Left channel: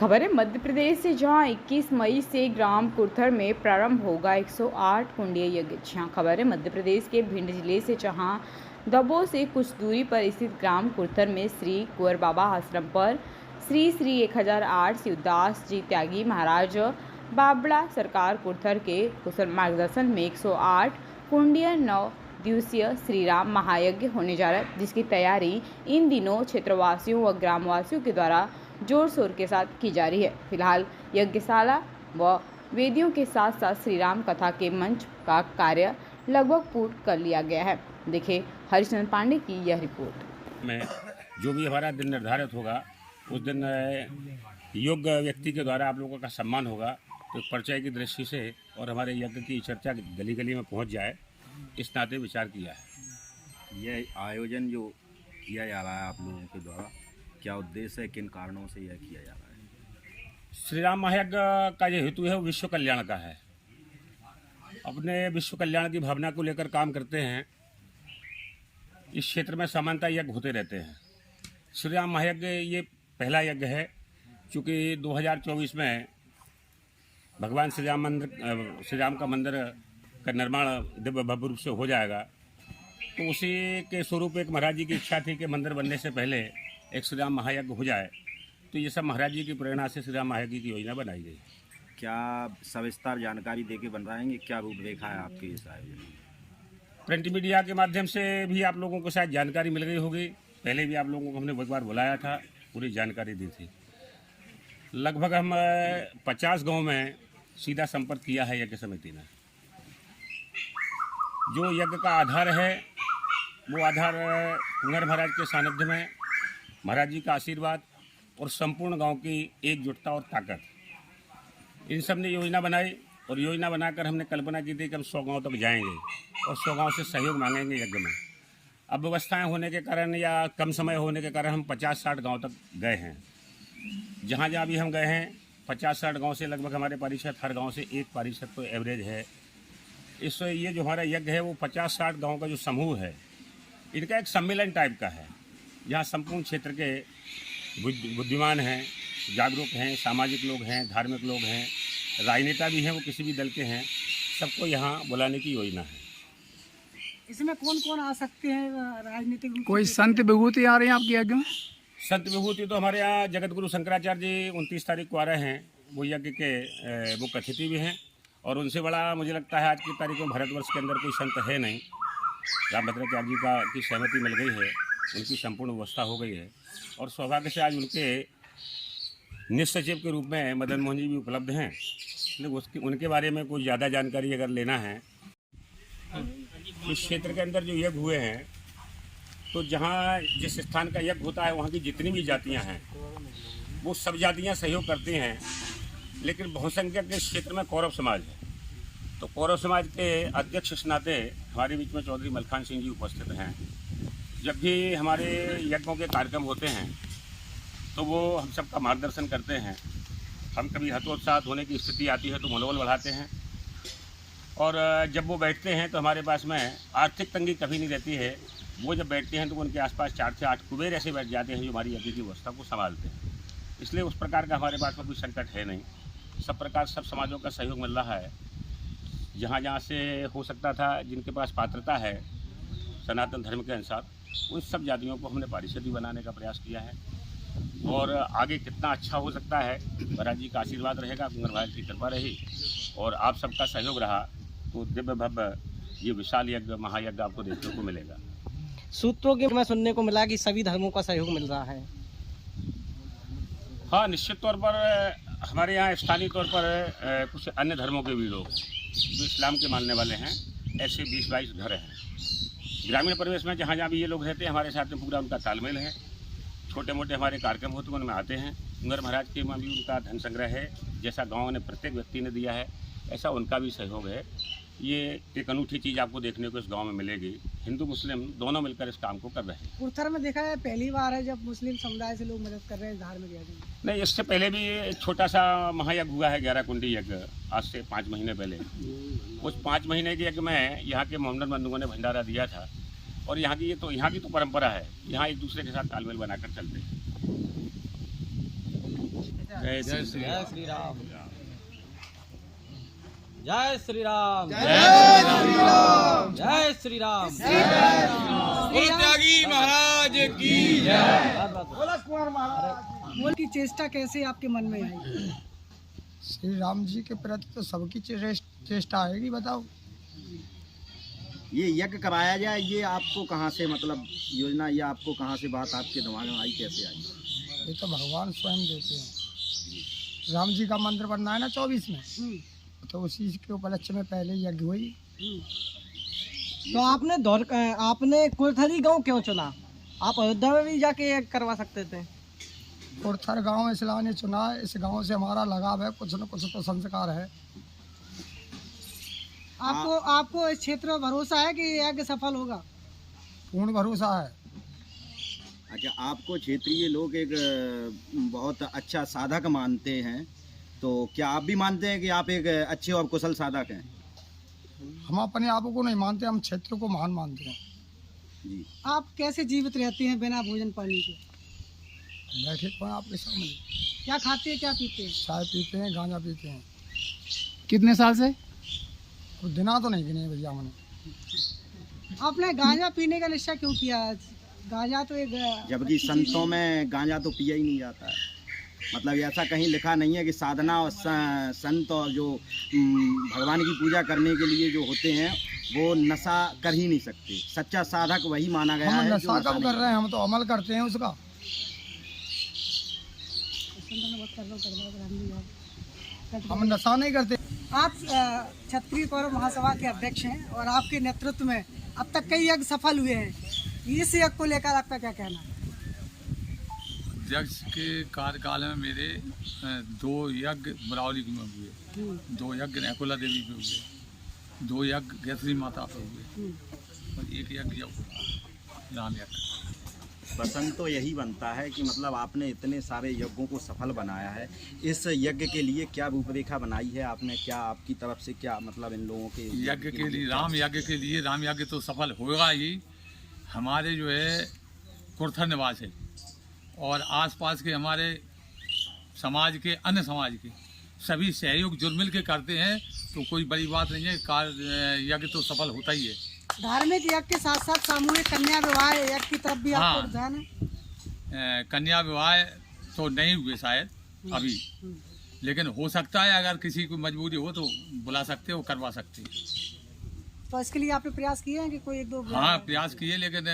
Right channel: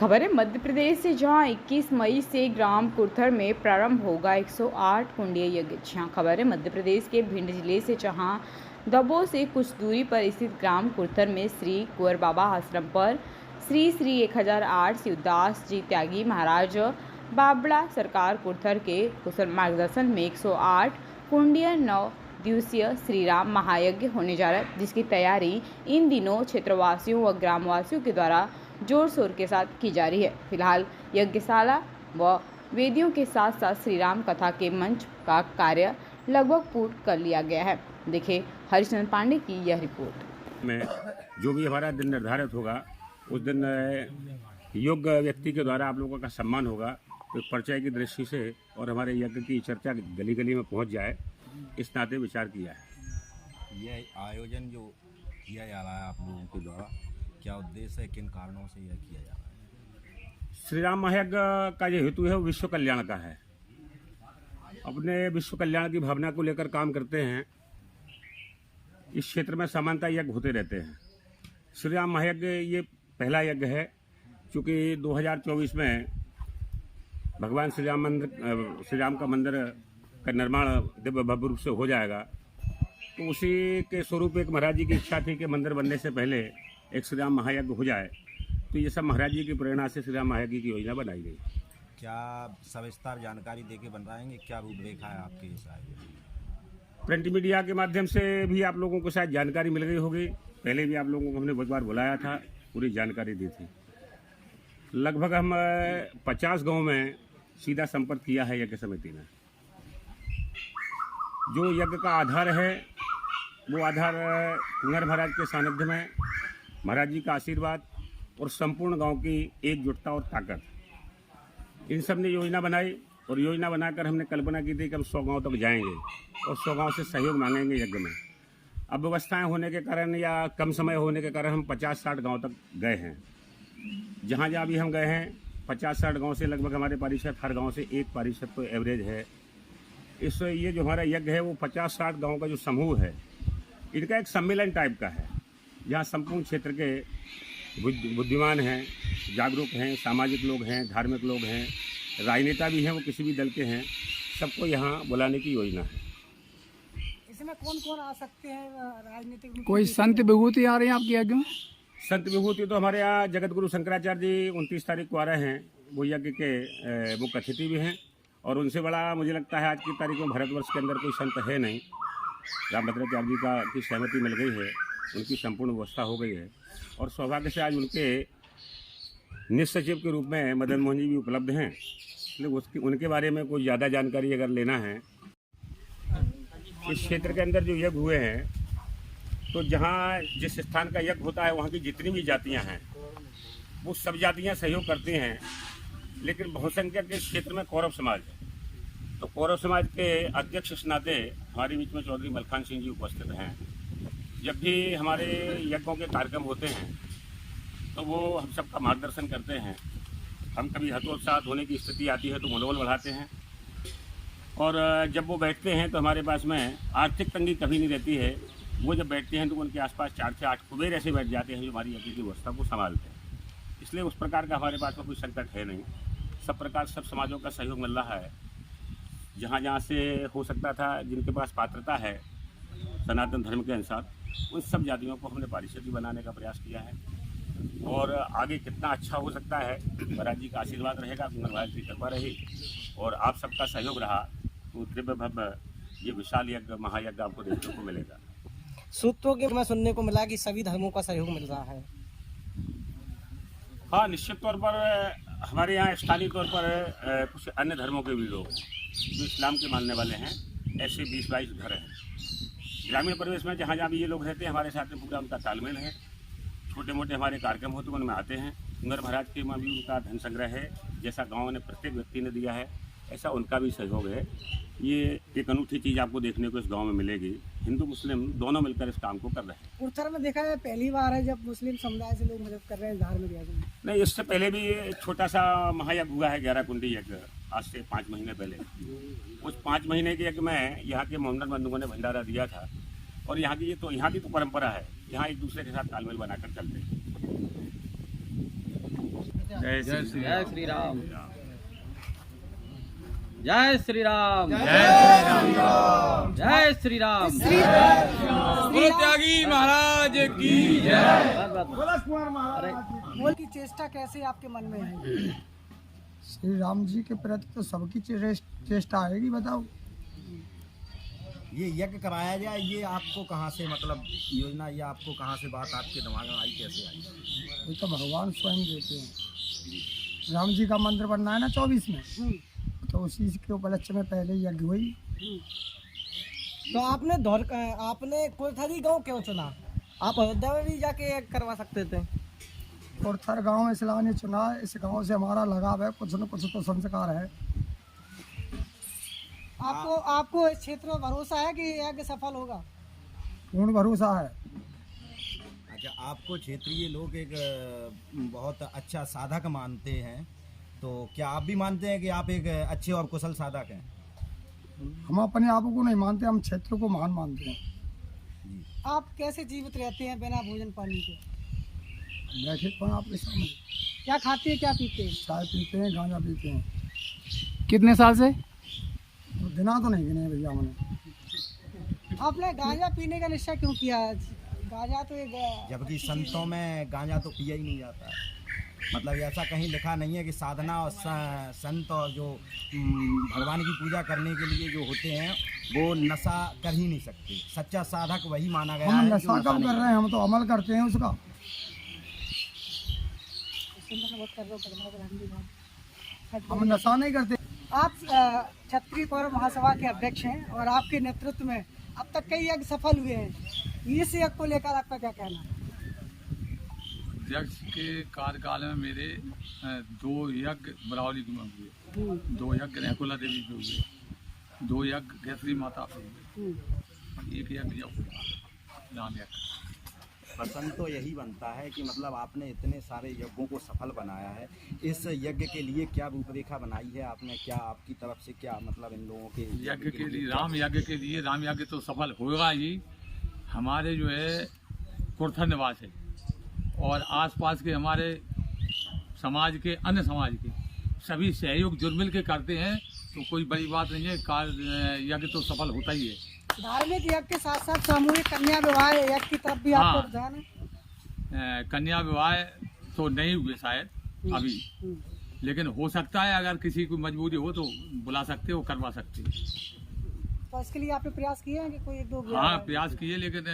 खबर है मध्य प्रदेश से, जहां 21 मई से ग्राम कुर्थर में प्रारंभ होगा 108 कुंडीय यज्ञ। खबर है मध्य प्रदेश के भिंड जिले से, जहां दबों से कुछ दूरी पर स्थित ग्राम कुर्थर में श्री कुंवर बाबा आश्रम पर श्री 1008 शिवदास जी त्यागी महाराज बाबड़ा सरकार कुर्थर के कुशल मार्गदर्शन में 108 कुंडीय 9 दिवसीय श्री राम महायज्ञ होने जा रहा है, जिसकी तैयारी इन दिनों क्षेत्रवासियों व ग्रामवासियों के द्वारा जोर शोर के साथ की जा रही है। फिलहाल यज्ञशाला व वेदियों के साथ साथ श्री राम कथा के मंच का कार्य लगभग पूर्ण कर लिया गया है। देखिए हरिचंद्र पांडे की यह रिपोर्ट। में जो भी हमारा दिन निर्धारित होगा उस दिन योग्य व्यक्ति के द्वारा आप लोगों का सम्मान होगा, तो परिचय की दृष्टि से और हमारे यज्ञ की चर्चा गली गली में पहुंच जाए, इस नाते विचार किया है। यह आयोजन जो किया जा रहा है आप लोगों के द्वारा, क्या उद्देश्य है, किन कारणों से यह किया जा रहा है? श्री राम महायज्ञ का जो हेतु है वो विश्व कल्याण का है। अपने विश्व कल्याण की भावना को लेकर काम करते हैं। इस क्षेत्र में सामान्यतः यज्ञ होते रहते हैं। श्री राम महायज्ञ ये पहला यज्ञ है, चूँकि 2024 में भगवान श्री राम का मंदिर का निर्माण दिव्य भव्य रूप से हो जाएगा, तो उसी के स्वरूप एक महाराज जी की इच्छा थी कि मंदिर बनने से पहले एक श्री राम महायज्ञ हो जाए। तो ये सब महाराज जी की प्रेरणा से श्री राम महायज्ञ की योजना बनाई गई। क्या सविस्तार जानकारी देके बन रहे क्या रूपरेखा है आपके इस आयोजन? प्रिंट मीडिया के माध्यम से भी आप लोगों को शायद जानकारी मिल गई होगी। पहले भी आप लोगों को हमने बहुत बार बुलाया था, पूरी जानकारी दी थी। लगभग हम 50 गाँव में सीधा संपर्क किया है यज्ञ समिति ने। जो यज्ञ का आधार है वो आधार कुंवर महाराज के सानिध्य में महाराज जी का आशीर्वाद और संपूर्ण गांव की एकजुटता और ताकत, इन सब ने योजना बनाई। और योजना बनाकर हमने कल्पना की थी कि हम 100 गांव तक जाएंगे और 100 गांव से सहयोग मांगेंगे यज्ञ में। अब व्यवस्थाएं होने के कारण या कम समय होने के कारण हम 50-60 गांव तक गए हैं। जहाँ जहाँ भी हम गए हैं 50-60 गाँव से लगभग हमारे पारिषद, हर गाँव से एक पारिषद तो एवरेज है। ये जो हमारा यज्ञ है वो 50-60 गाँव का जो समूह है, इनका एक सम्मेलन टाइप का है, जहाँ संपूर्ण क्षेत्र के बुद्धिमान हैं, जागरूक हैं, सामाजिक लोग हैं, धार्मिक लोग हैं, राजनेता भी हैं, वो किसी भी दल के हैं, सबको यहाँ बुलाने की योजना है। इसमें कौन कौन आ सकते हैं राजनीतिक? कोई संत विभूति आ रहे हैं आपके यज्ञ में? संत विभूति तो हमारे यहाँ जगत गुरु शंकराचार्य जी 29 तारीख को आ रहे हैं, वो यज्ञ के मुख्य अतिथि भी हैं। और उनसे बड़ा मुझे लगता है आज की तारीख में भारतवर्ष के अंदर कोई संत है नहीं। रामभद्राचार्य जी की सहमति मिल गई है, उनकी संपूर्ण व्यवस्था हो गई है। और सौभाग्य से आज उनके निसचिव के रूप में मदन मोहन जी भी उपलब्ध हैं। इसलिए उनके बारे में कोई ज़्यादा जानकारी अगर लेना है, इस क्षेत्र के अंदर जो यज्ञ हुए हैं, तो जहाँ जिस स्थान का यज्ञ होता है वहाँ की जितनी भी जातियाँ हैं वो सब जातियाँ सहयोग करती हैं। लेकिन बहुसंख्यक इस क्षेत्र में कौरव समाज है, तो कौरव समाज के अध्यक्ष इस नाते हमारे बीच में चौधरी मलखान सिंह जी उपस्थित हैं। जब भी हमारे यज्ञों के कार्यक्रम होते हैं तो वो हम सबका मार्गदर्शन करते हैं। हम कभी हतोत्साह होने की स्थिति आती है तो मनोबल बढ़ाते हैं। और जब वो बैठते हैं तो हमारे पास में आर्थिक तंगी कभी नहीं रहती है। वो जब बैठते हैं तो उनके आसपास 4 से 8 कुबेर ऐसे बैठ जाते हैं जो हमारी यज्ञ की व्यवस्था को संभालते हैं। इसलिए उस प्रकार का हमारे पास में कोई संकट है नहीं। सब प्रकार सब समाजों का सहयोग मिल रहा है। जहाँ जहाँ से हो सकता था, जिनके पास पात्रता है सनातन धर्म के अनुसार, उन सब जातियों को हमने पारिषद बनाने का प्रयास किया है। और आगे कितना अच्छा हो सकता है, महाराज जी का आशीर्वाद रहेगा, कुंवर महाराज की कृपा रही और आप सबका सहयोग रहा तो दिव्य भव्य ये विशाल यज्ञ महायज्ञ आपको देखने को मिलेगा। सूत्रों के में सुनने को मिला कि सभी धर्मों का सहयोग मिल रहा है। हाँ, निश्चित तौर पर हमारे यहाँ स्थानीय तौर पर कुछ अन्य धर्मों के भी लोग हैं जो इस्लाम के मानने वाले हैं। ऐसे 20-22 घर हैं। ग्रामीण परिवेश में जहाँ जहाँ भी ये लोग रहते हैं, हमारे साथ में पूरा उनका तालमेल है। छोटे मोटे हमारे कार्यक्रम होते हैं, उनमें आते हैं। कुंवर महाराज के में भी उनका धन संग्रह है, जैसा गाँव ने प्रत्येक व्यक्ति ने दिया है ऐसा उनका भी सहयोग है। ये एक अनूठी चीज़ आपको देखने को इस गांव में मिलेगी। हिंदू मुस्लिम दोनों मिलकर इस काम को कर रहे हैं। कुर्थर में देखा है पहली बार है जब मुस्लिम समुदाय से लोग मदद कर रहे हैं धार्मिक यज्ञ में। नहीं, इससे पहले भी एक छोटा सा महायज्ञ हुआ है, 11 कुंडी यज्ञ, आज से 5 महीने पहले। उस 5 महीने के यज्ञ में यहाँ के मोहम्मदन बंधुओं ने भंडारा दिया था। और यहाँ की तो परंपरा है, यहाँ एक दूसरे के साथ तालमेल बनाकर चलते हैं। जय श्री जय राम। श्री राम। जय श्री राम। जय श्री राम। जय श्री राम। बोलो त्यागी महाराज की जय। मोदी की चेष्टा कैसे आपके मन में आई? श्री राम जी के प्रति तो सबकी चेष्टा आएगी, बताओ। ये यज्ञ कराया जाए, ये आपको कहाँ से मतलब योजना, ये आपको कहाँ से बात आपके दिमाग में आई, कैसे आई? ये तो भगवान स्वयं देते हैं। राम जी का मंदिर बनना है ना 24 में, तो उसी के उपलक्ष्य में पहले यज्ञ हुई। तो आपने कुरथरी गांव क्यों चुना? आप अयोध्या में भी जाके करवा सकते थे। कुरथर गांव इसलिए चुना, इस गांव से हमारा लगाव है, कुछ न कुछ तो संस्कार है। आपको इस क्षेत्र में भरोसा है कि यज्ञ सफल होगा? पूर्ण भरोसा है। अच्छा, आपको क्षेत्रीय लोग एक बहुत अच्छा साधक मानते हैं, तो क्या आप भी मानते हैं कि आप एक अच्छे और कुशल साधक हैं? हम अपने आप को नहीं मानते, हम क्षेत्र को महान मानते हैं। जी। आप कैसे जीवित रहते हैं बिना भोजन पानी के? बैठे तो हैं आपके सामने, क्या खाते हैं, क्या पीते हैं? चाय पीते हैं, गांजा पीते हैं। कितने साल से? और दिना तो नहीं गिने भैया हमने। आपने गांजा पीने का निश्चय क्यों किया? गांजा तो एक जबकि संतों में गांजा तो पिया ही नहीं जाता है। मतलब ऐसा कहीं लिखा नहीं है कि साधना और संत और जो भगवान की पूजा करने के लिए जो होते हैं वो नशा कर ही नहीं सकते। सच्चा साधक वही माना गया हम है। नशा कब कर रहे हैं, हम तो अमल करते हैं उसका। हम नशा नहीं करते। आप क्षत्रिय कौरव महासभा के अध्यक्ष हैं और आपके नेतृत्व में अब तक कई यज्ञ सफल हुए हैं। इस यज्ञ को लेकर आपका क्या कहना है? अध्यक्ष के कार्यकाल में मेरे 2 यज्ञ बरावली में हुए, 2 यज्ञ रैकुला देवी पे हुए, 2 यज्ञ गैत्री माता पे हुए और 1 यज्ञ हुआ राम यज्ञ। प्रसंग तो यही बनता है कि मतलब आपने इतने सारे यज्ञों को सफल बनाया है। इस यज्ञ के लिए क्या रूपरेखा बनाई है आपने, क्या आपकी तरफ से क्या मतलब इन लोगों के यज्ञ के लिए, राम यज्ञ के लिए, राम यज्ञ तो सफल होगा ही। हमारे जो है कुरथर निवास है और आसपास के हमारे समाज के, अन्य समाज के सभी सहयोग जुड़ मिल के करते हैं, तो कोई बड़ी बात नहीं है। यज्ञ तो सफल होता ही है। धार्मिक यज्ञ के साथ साथ सामूहिक कन्या विवाह यज्ञ की तरफ भी आपको ध्यान है? कन्या विवाह तो नहीं हुए शायद अभी, लेकिन हो सकता है। अगर किसी को मजबूरी हो तो बुला सकते हो, करवा सकते हैं। तो इसके लिए आपने प्रयास किए हैं कि कोई 1-2? हाँ, प्रयास किए, लेकिन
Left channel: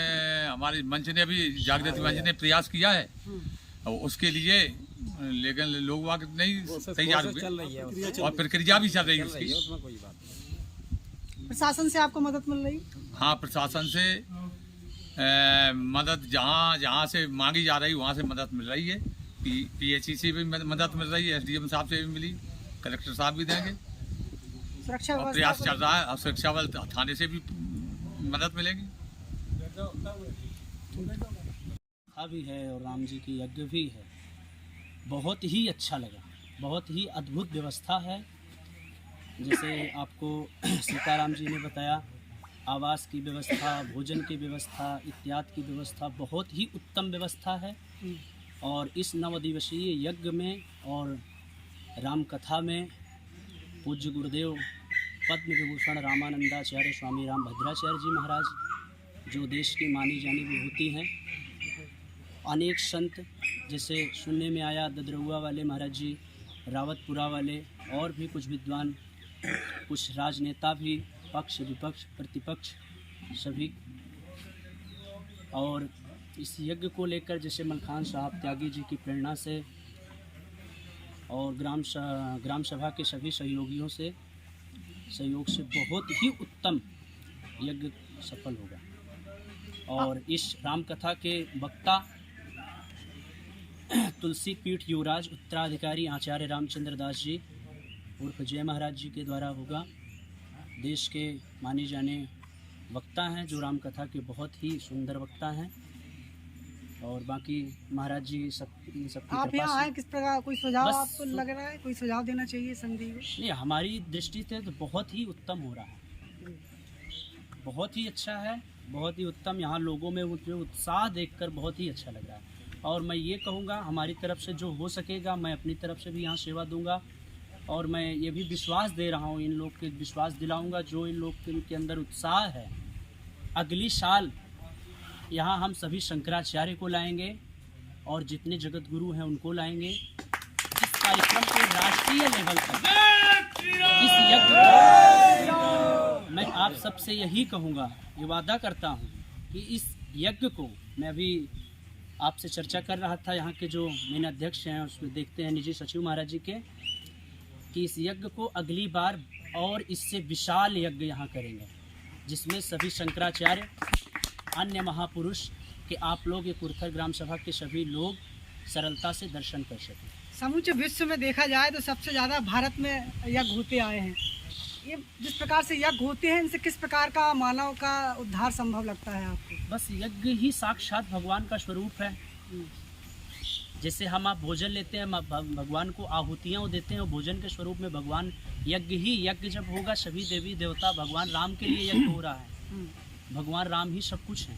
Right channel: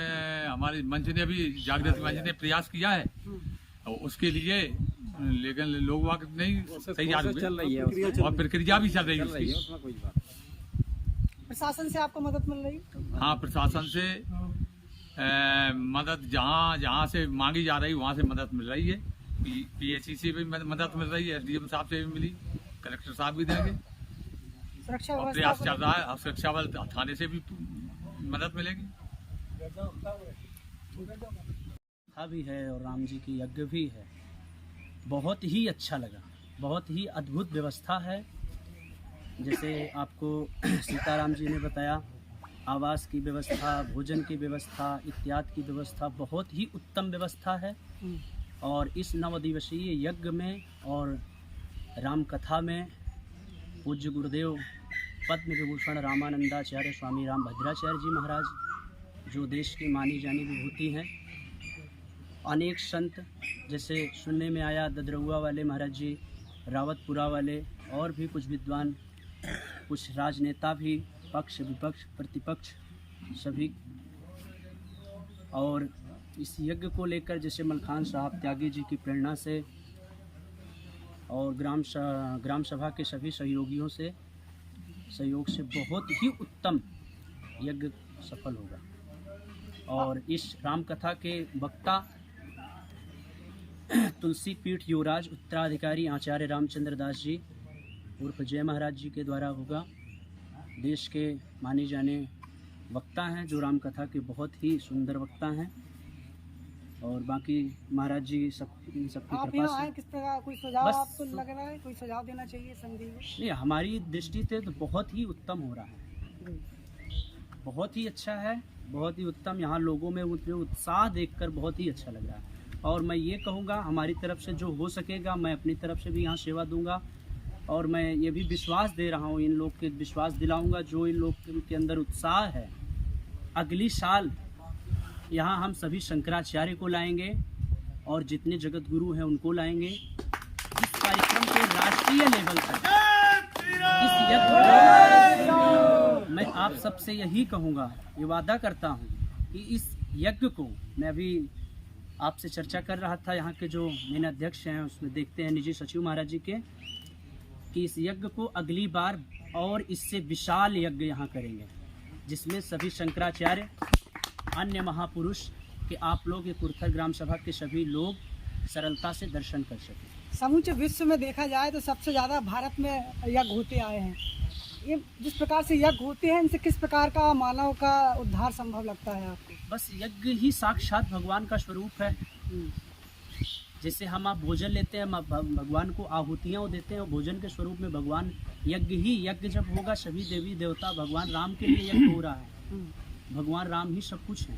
हमारे मंच ने भी, जागृति मंच ने प्रयास किया है और उसके लिए, लेकिन लोग वाक नहीं तैयार हुए और प्रक्रिया भी चल रही है उसकी। प्रशासन से आपको मदद मिल रही? हाँ, प्रशासन से मदद जहाँ से मांगी जा रही वहाँ से मदद मिल रही है। PHC से भी मदद मिल रही है, SDM साहब से भी मिली, कलेक्टर साहब भी देंगे सुरक्षा और प्रयास चल रहा है। और सुरक्षा बल थाने से भी मदद मिलेगी। भी है और राम जी की यज्ञ भी है। बहुत ही अच्छा लगा, बहुत ही अद्भुत व्यवस्था है। जैसे आपको सीताराम जी ने बताया, आवास की व्यवस्था, भोजन की व्यवस्था इत्यादि की व्यवस्था बहुत ही उत्तम व्यवस्था है। और इस 9 दिवसीय यज्ञ में और राम कथा में पूज्य गुरुदेव पद्म विभूषण रामानंदाचार्य स्वामी राम भद्राचार्य जी महाराज, जो देश की मानी जानी विभूति हैं, अनेक संत, जैसे सुनने में आया ददरुआ वाले महाराज जी, रावतपुरा वाले, और भी कुछ विद्वान, कुछ राजनेता भी, पक्ष विपक्ष प्रतिपक्ष सभी। और इस यज्ञ को लेकर जैसे मलखान साहब त्यागी जी की प्रेरणा से और ग्राम सभा के सभी सहयोग से बहुत ही उत्तम यज्ञ सफल होगा। और इस राम कथा के वक्ता तुलसी पीठ युवराज उत्तराधिकारी आचार्य रामचंद्र दास जी उर्फ जय महाराज जी के द्वारा होगा। देश के माने जाने वक्ता हैं, जो राम कथा के बहुत ही सुंदर वक्ता हैं। और बाकी महाराज जी सबकी आप कृपा यहाँ आए से किस प्रकार, कोई सुझाव बस आपको लग रहा है? कोई सुझाव देना चाहिए संधि में? नहीं, हमारी दृष्टि से तो बहुत ही उत्तम हो रहा है, बहुत ही अच्छा है, बहुत ही उत्तम। यहाँ लोगों में जो उत्साह देखकर बहुत ही अच्छा लग रहा है। और मैं ये कहूँगा हमारी तरफ से जो हो सकेगा मैं अपनी तरफ से भी यहाँ सेवा दूंगा। और मैं ये भी विश्वास दे रहा हूँ, इन लोग के विश्वास दिलाऊंगा जो इन लोग के अंदर उत्साह है, अगली साल यहाँ हम सभी शंकराचार्य को लाएंगे और जितने जगत गुरु हैं उनको लाएंगे। इस कार्यक्रम के राष्ट्रीय लेवल तक इस यज्ञ को मैं आप सबसे यही कहूँगा, ये वादा करता हूँ कि इस यज्ञ को मैं अभी आपसे चर्चा कर रहा था, यहाँ के जो मेन अध्यक्ष हैं उसमें देखते हैं निजी सचिव महाराज जी के, कि इस यज्ञ को अगली बार और इससे विशाल यज्ञ यहाँ करेंगे, जिसमें सभी शंकराचार्य, अन्य महापुरुष कि आप लोग ये कुर्थर ग्राम सभा के सभी लोग सरलता से दर्शन कर सकें। समूचे विश्व में देखा जाए तो सबसे ज़्यादा भारत में यज्ञ होते आए हैं। ये जिस प्रकार से यज्ञ होते हैं, इनसे किस प्रकार का मानव का उद्धार संभव लगता है आपको? बस यज्ञ ही साक्षात भगवान का स्वरूप है। जैसे हम आप भोजन लेते हैं, भगवान को आहुतियाँ देते हैं और भोजन के स्वरूप में भगवान यज्ञ जब होगा, सभी देवी देवता भगवान राम के लिए यज्ञ हो रहा है। भगवान राम ही सब कुछ है।